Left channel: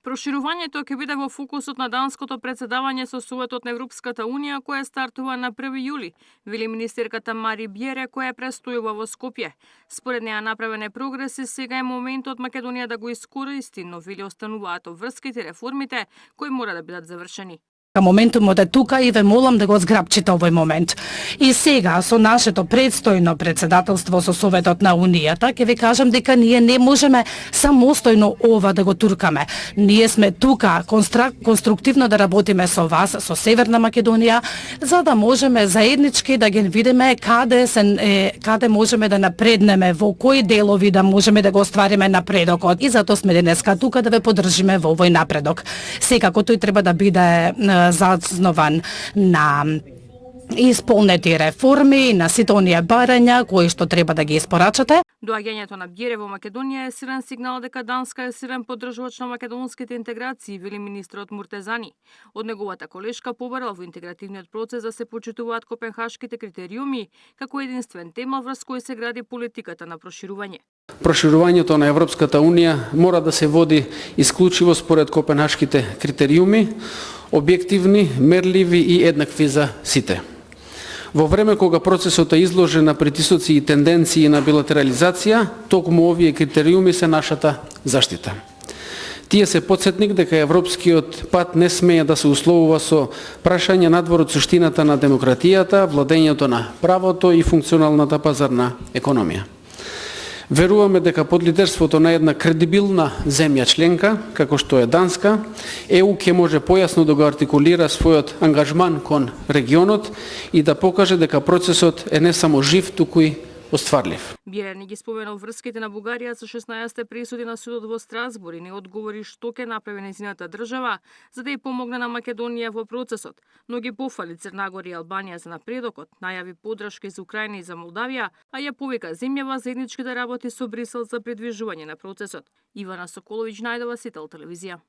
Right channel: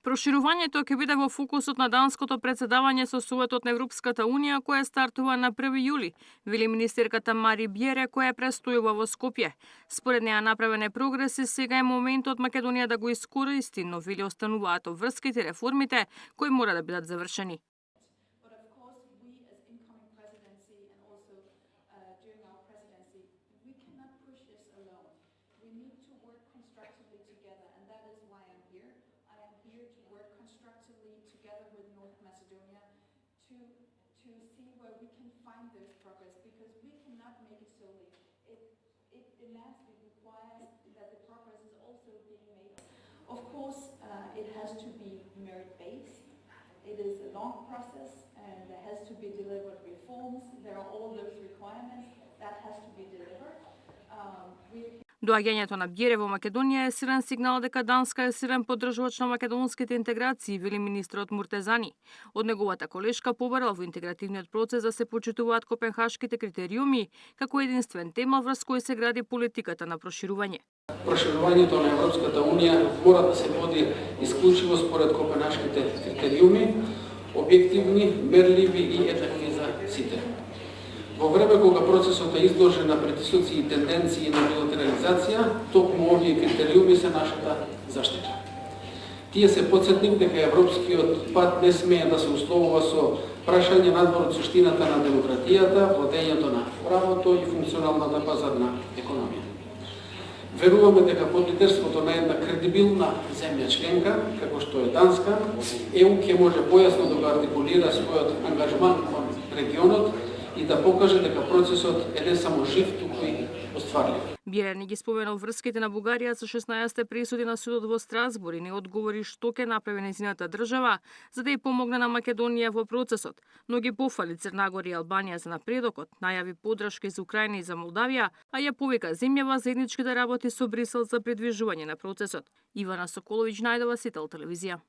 Проширувањето ќе биде во фокусот на данското претседавање со Советот на Европската Унија, кое стартува на 1 јули, вели министерката Мари Бјере, која престојува во Скопје. Според неа направен е прогрес и сега е моментот Македонија да го искористи, но вели остануваат обврските реформите кои мора да бидат завршени. Моментумот е тука и ве молам да го зграбчите овој момент. И сега, со нашето предстојно председателство со Советот на Унијата, ќе ви кажам дека ние не можеме самостојно ова да го туркаме. Ние сме тука конструктивно да работиме со вас, со Северна Македонија, за да можеме заеднички да ги видиме каде можеме да напреднеме, во кои делови да можеме да го оствариме напредокот. И затоа сме денеска тука да ве поддржиме во овој напредок. Секако тој треба да биде заснован на исполнети реформи, на сите оние барања кои што треба да ги испорачате. Доаѓањето на Бјере во Македонија е силен сигнал дека Данска е силен поддржувач на македонските интеграции, вели министрот Муртезани. Од неговата колешка побарал во интегративниот процес да се почитуваат копенхашките критериуми како единствен темел врз кој се гради политиката на проширување. Проширувањето на Европската Унија мора да се води исклучиво според копенхашките критериуми, објективни, мерливи и еднакви за сите. Во време кога процесот е изложен на притисоци и тенденции на билатерализација, токму овие критериуми се нашата заштита. Тие се потсетник дека европскиот пат не смее да се условува со прашање надвор од суштината на демократијата, владењето на правото и функционалната пазарна економија. Веруваме дека под лидерството на една кредибилна земја членка, како што е Данска, ЕУ ќе може појасно да го артикулира својот ангажман кон регионот и да покаже дека процесот е не само жив, туку и остварлив. Бјере не ги споменал врските на Бугарија со 16 пресуди на судот во Страсбург и не одговори што ќе направи нејзината држава за да ја помогне на Македонија во процесот, но ги пофали Црнагора и Албанија за напредокот, најави поддршка за Украина и за Молдавија, а ја повика земјава заеднички да работи со Брисел за придвижување на процесот. Ивана Соколовиќ, Најдова, Сител телевизија.